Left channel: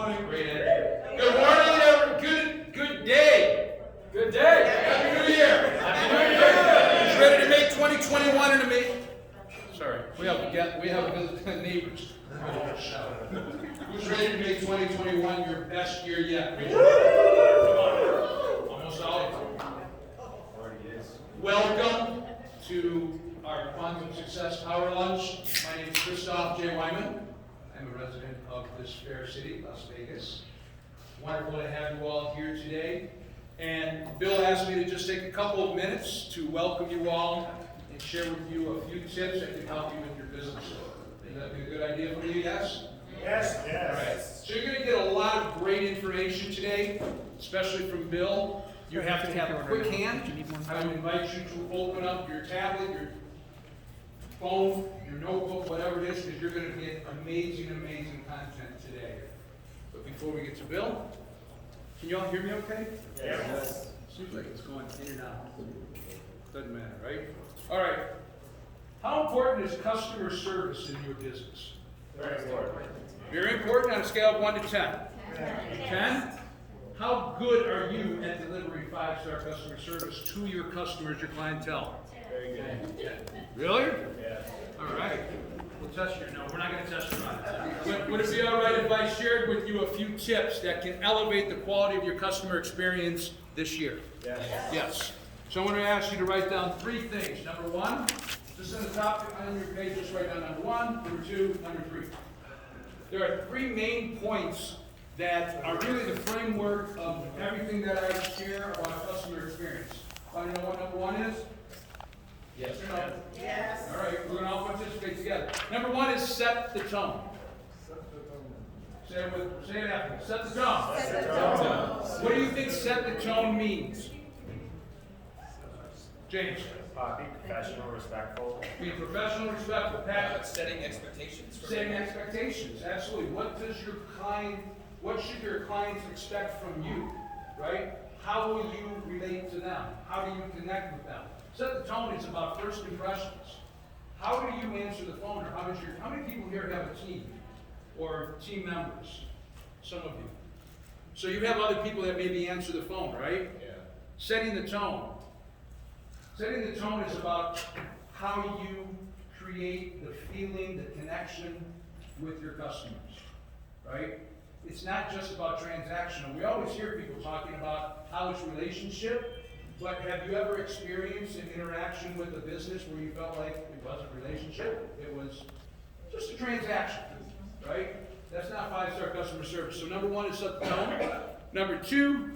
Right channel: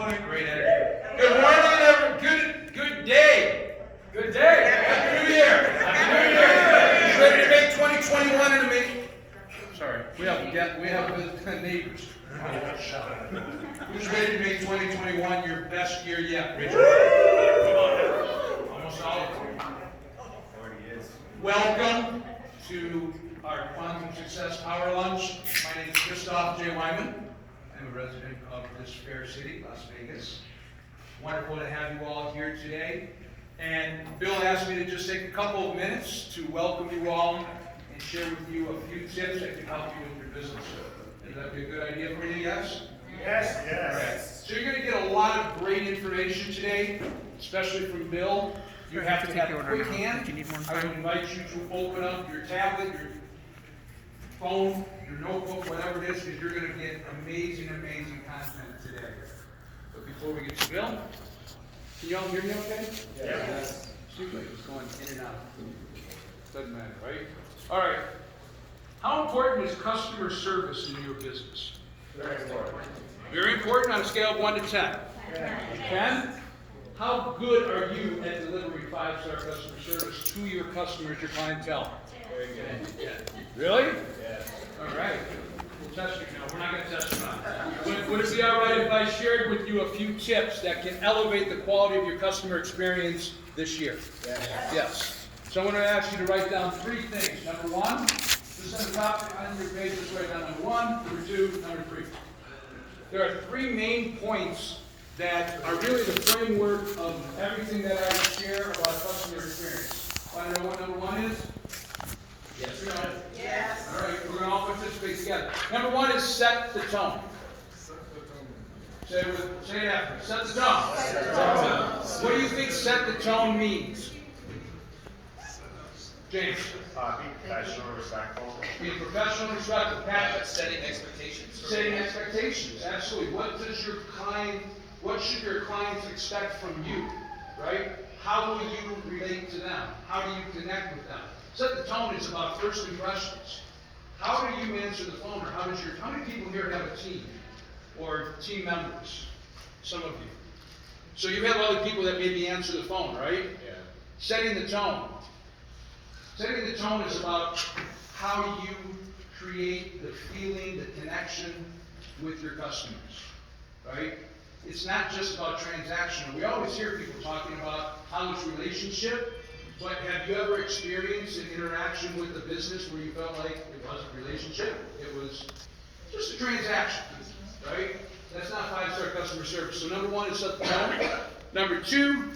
morning. Great energy. Good morning, everyone. Good day. Good day. Happy New Year. Happy New Year. You ready to make 2021 and make? Sorry, we have neighbors. Who's ready to make 2021 your best year yet, Richard? Come on. Almost all of them. Already is. Welcome to our Quantum Success Power Lunch. My name is Christoph J. Wyman. I'm a resident of this fair city, Las Vegas. Wonderful to have you all here today. And Bill asked me to just take a couple of minutes to welcome you all and share with you a few tips that can help you with your business. Would that be a good idea for you, yes? Yes, yes. All right. So you're going to get a lot of great information today, especially from Bill. You have to have a quick hand. I would invite you to open up your tablet, your phone, your notebook, whatever it is, because you're going to get amazing, amazing content today. But before we get to Bill, can you all hear me okay? Yes. Seems like it's going in and out. Doesn't matter, right? All right. How important is customer service in your business? Very important. Very important on a scale of 1 to 10. 10? How good are you at delivering 5-star customer service to your customers, your clientele? Very good. Really? Yes. All right. We'll test you. No, we're not going to test you on it. Would it be all right if I shared with you a few tips that can elevate the quality of your customer experience this year? Yes. Yes. So I'm going to ask you to write down 3 things. Number 1, just on the top on your page, just write down number 1, number 2, number 3. There are 3 main points that are really the framework of everything that I share about customer experience. Want to know what number 1 is? Yes or no? Yes. All right, we're going to all participate together. Number 1 is set the tone. Say it after me. Set the tone. Set the tone. What do you think set the tone means? James? Be professional, respectful. Be professional, respectful. Pat? Setting expectations. Setting expectations, absolutely. What should your clients expect from you, right? How will you relate to them? How do you connect with them? Set the tone is about first impressions. How do you answer the phone, or how many people here have a team or team members? Some of you. So you have other people that maybe answer the phone, right? Yeah. Setting the tone. Setting the tone is about how you create the feeling, the connection with your customers, right? It's not just about transactional. We always hear people talking about how it's relationship, but have you ever experienced an interaction with a business where you felt like it wasn't a relationship? It was just a transaction, right? That's not 5-star customer service. So number 1 is set the tone. Number 2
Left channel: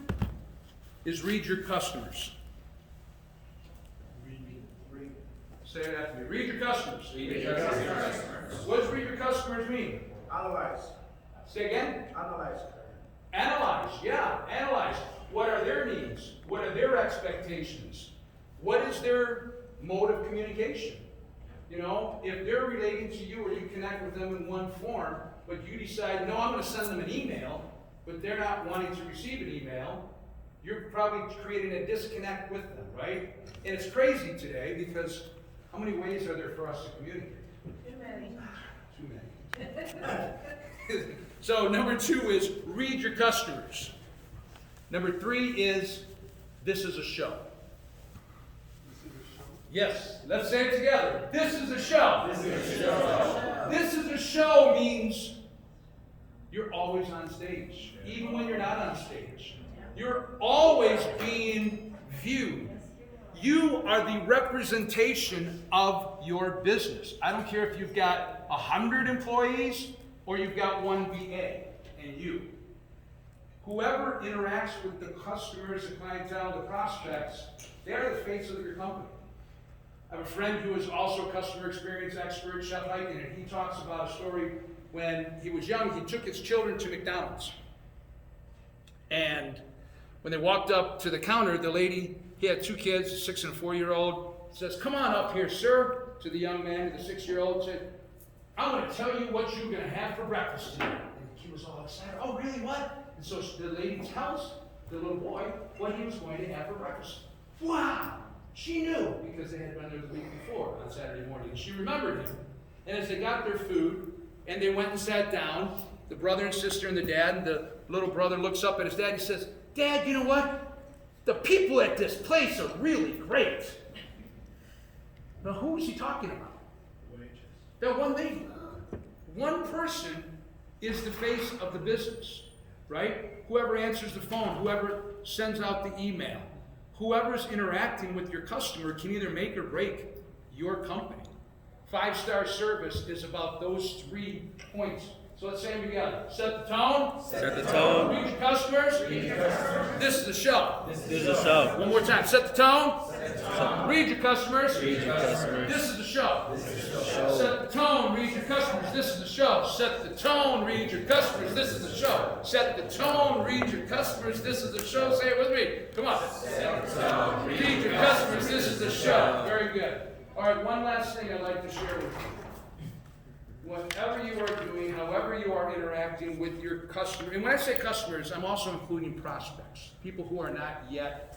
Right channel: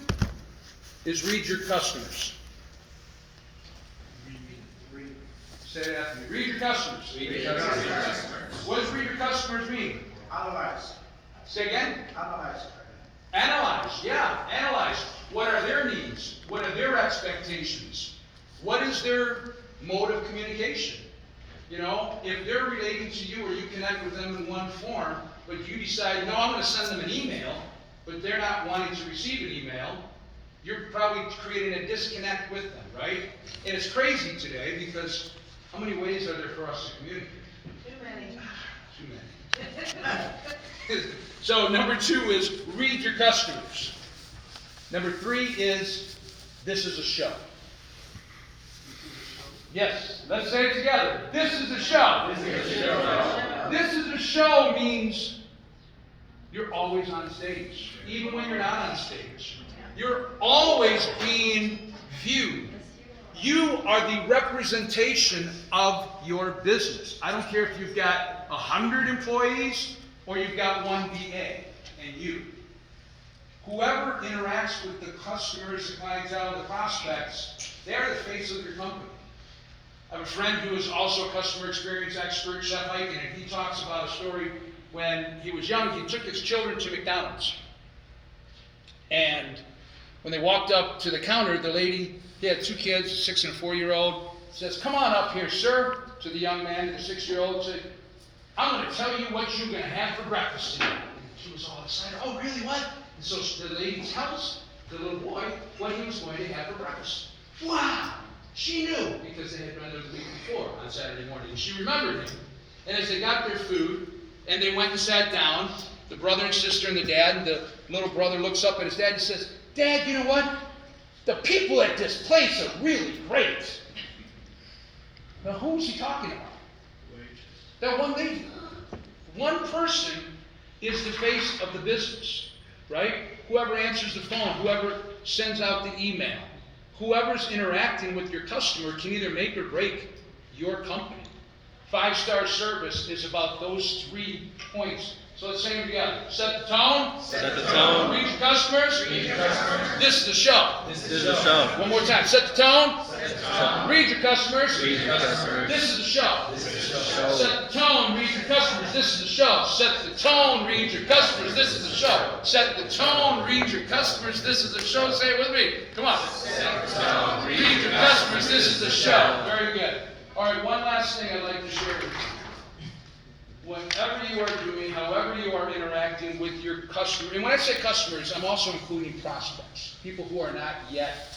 is read your customers. Say it after me. Read your customers. Read your customers. What does read your customers mean? Analyze. Say again? Analyze. Analyze, yeah, analyze. What are their needs? What are their expectations? What is their mode of communication? You know, if they're relating to you or you connect with them in one form, but you decide, no, I'm going to send them an email, but they're not wanting to receive an email, you're probably creating a disconnect with them, right? And it's crazy today because how many ways are there for us to communicate? Too many. Too many. So number 2 is read your customers. Number 3 is this is a show. Yes, let's say it together. This is a show. This is a show. This is a show means you're always on stage, even when you're not on stage. You're always being viewed. You are the representation of your business. I don't care if you've got 100 employees or you've got 1 VA and you. Whoever interacts with the customers, the clientele, the prospects, they're the face of your company. I have a friend who is also a customer experience expert, Chef Eichen, and he talks about a story when he was young. He took his children to McDonald's. And when they walked up to the counter, the lady, he had 2 kids, a 6 and a 4-year-old, says, "Come on up here, sir," to the young man, the 6-year-old, said, "I'm going to tell you what you're going to have for breakfast today." And she was all excited. "Oh, really, what?" And so the lady tells the little boy what he was going to have for breakfast. Wow! She knew because they had done it the week before on Saturday morning. And she remembered him. And as they got their food, and they went and sat down. The brother and sister and the dad, and the little brother looks up at his dad and says, "Dad, you know what? The people at this place are really great." Now, who is he talking about? That one lady. One person is the face of the business, right? Whoever answers the phone, whoever sends out the email, whoever's interacting with your customer can either make or break your company. 5-star service is about those 3 points. So let's say them together. Set the tone. Set the tone. Read your customers. Read your customers. This is the show. This is the show. One more time. Set the tone. Set the tone. Read your customers. Read your customers. This is the show. This is the show. Set the tone. Read your customers. This is the show. Set the tone. Read your customers. This is the show. Set the tone. Read your customers. This is the show. Say it with me. Come on. Set the tone. Read your customers. This is the show. Very good. All right. One last thing I'd like to share with you. Whatever you are doing, however you are interacting with your customer, and when I say customers, I'm also including prospects, people who are not yet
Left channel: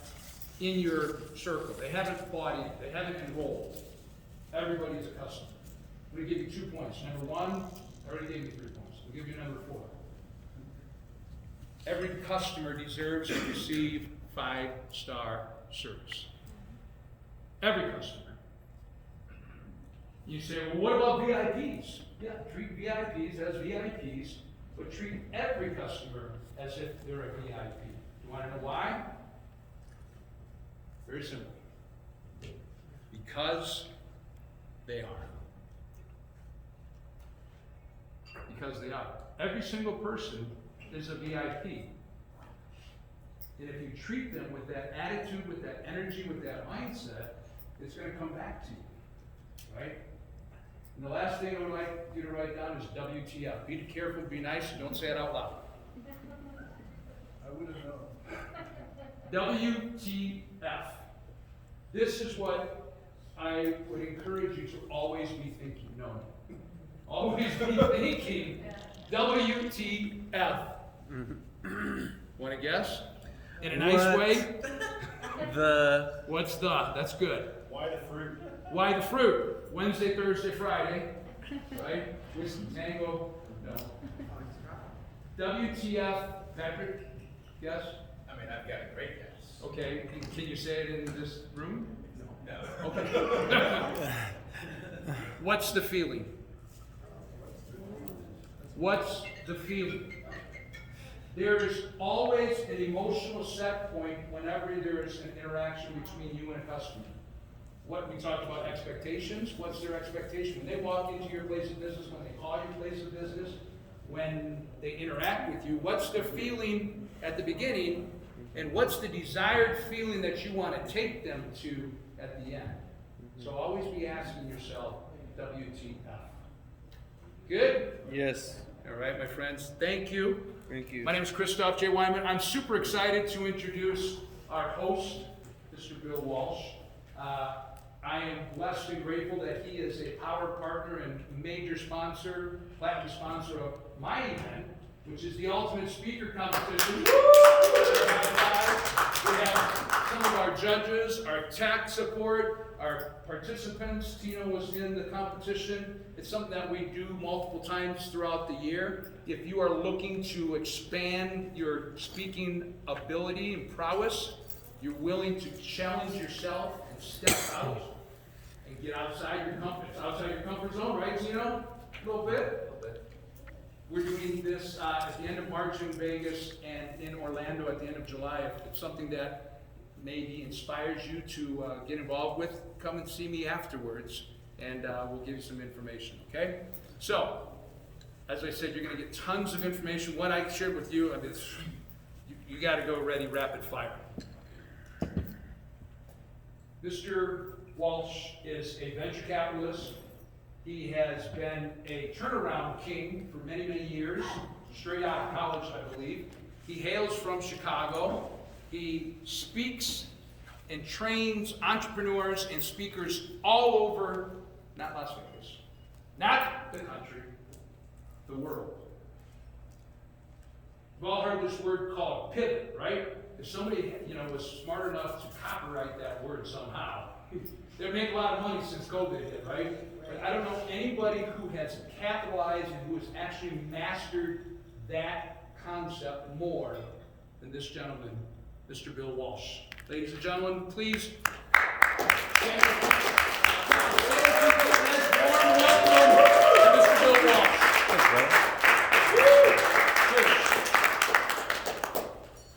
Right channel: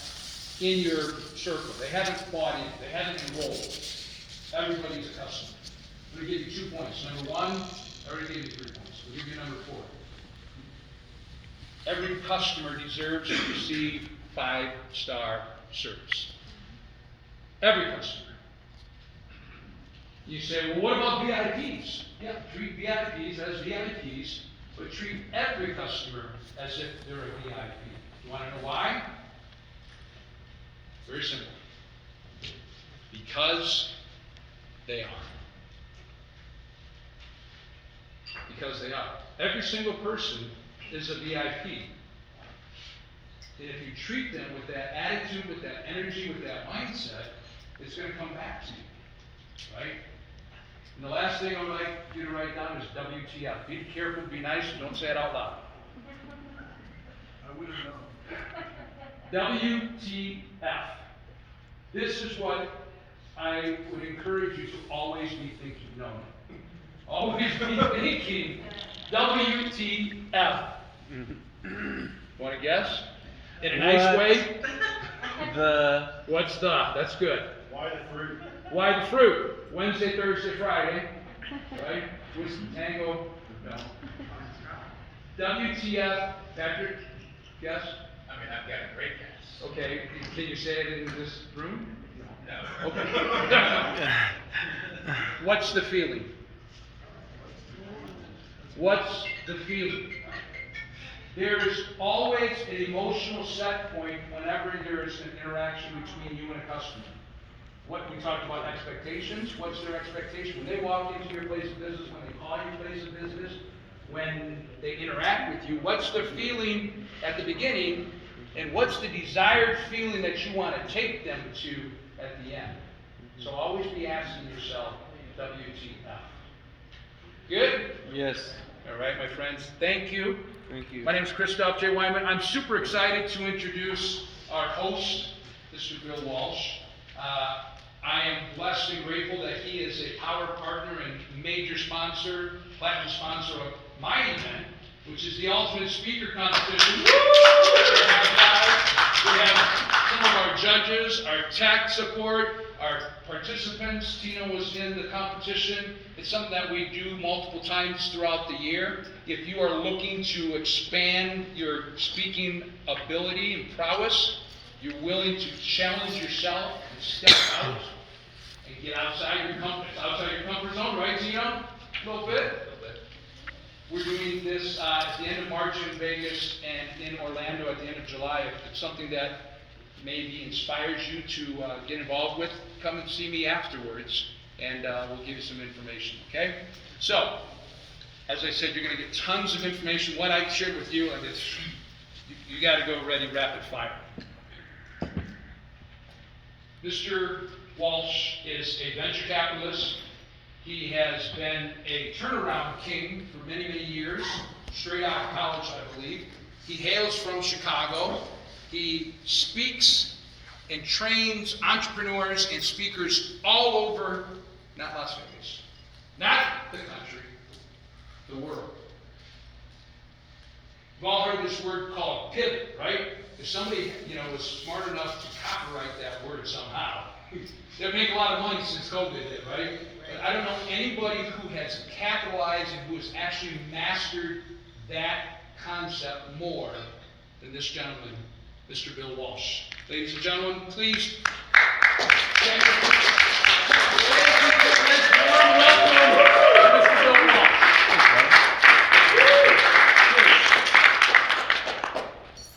in your circle. They haven't bought in, they haven't enrolled. Everybody's a customer. I'm going to give you 2 points. Number 1, I already gave you 3 points. I'll give you number 4. Every customer deserves to receive 5-star service. Every customer. You say, well, what about VIPs? Yeah, treat VIPs as VIPs, but treat every customer as if they're a VIP. You want to know why? Very simple. Because they are. Because they are. Every single person is a VIP. And if you treat them with that attitude, with that energy, with that mindset, it's going to come back to you. Right? And the last thing I would like you to write down is WTF. Be careful, be nice, and don't say it out loud. I wouldn't know. WTF. This is what I would encourage you to always be thinking. No. Always be thinking. WTF. Want to guess? In a nice way? What's the? That's good. Why the fruit? Why the fruit? Wednesday, Thursday, Friday, right? Whiskey Tango, no. WTF, Patrick, guess? I mean, I've got a great guess. Okay, can you say it in this room? No. Okay. What's the feeling? What's the feeling? There's always an emotional set point whenever there's an interaction between you and a customer. What we talked about expectations, what's their expectation? When they walk into your place of business, when they call your place of business, when they interact with you, what's the feeling at the beginning, and what's the desired feeling that you want to take them to at the end? So always be asking yourself, WTF. Good? Yes. All right, my friends, thank you. Thank you. My name is Christoph J. Wyman. I'm super excited to introduce our host, Mr. Bill Walsh. I am blessed and grateful that he is a power partner and major sponsor, platinum sponsor of my event, which is the Ultimate Speaker Competition. We have some of our judges, our tech support, our participants. Tina was in the competition. It's something that we do multiple times throughout the year. If you are looking to expand your speaking ability and prowess, you're willing to challenge yourself and step out and get outside your comfort zone, right, Tina? A little bit? We're doing this at the end of March in Vegas and in Orlando at the end of July. If it's something that maybe inspires you to get involved with, come and see me afterwards, and we'll give you some information, okay? So, as I said, you're going to get tons of information. What I shared with you, and it's, you got to go ready, rapid fire. Mr. Walsh is a venture capitalist. He has been a turnaround king for many, many years, straight out of college, I believe. He hails from Chicago. He speaks and trains entrepreneurs and speakers all over, not Las Vegas, not the country, the world. We've all heard this word called pivot, right? If somebody, was smart enough to copyright that word somehow, They make a lot of money since COVID hit, right? But I don't know anybody who has capitalized and who has actually mastered that concept more than this gentleman, Mr. Bill Walsh. Ladies and gentlemen, please. Thank you. Warm welcome to Mr. Bill Walsh.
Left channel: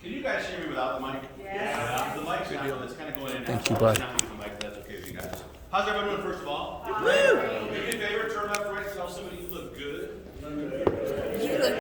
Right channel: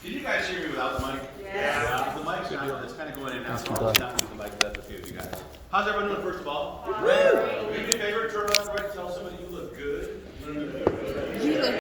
Can you guys hear me without the mic? Yes. The mic's not, it's kind of going in and out. Thank you, so I'm bud. not using the mic, but that's okay with you guys. How's everyone doing, first of all? Do me a favor, turn up right, tell somebody you look good.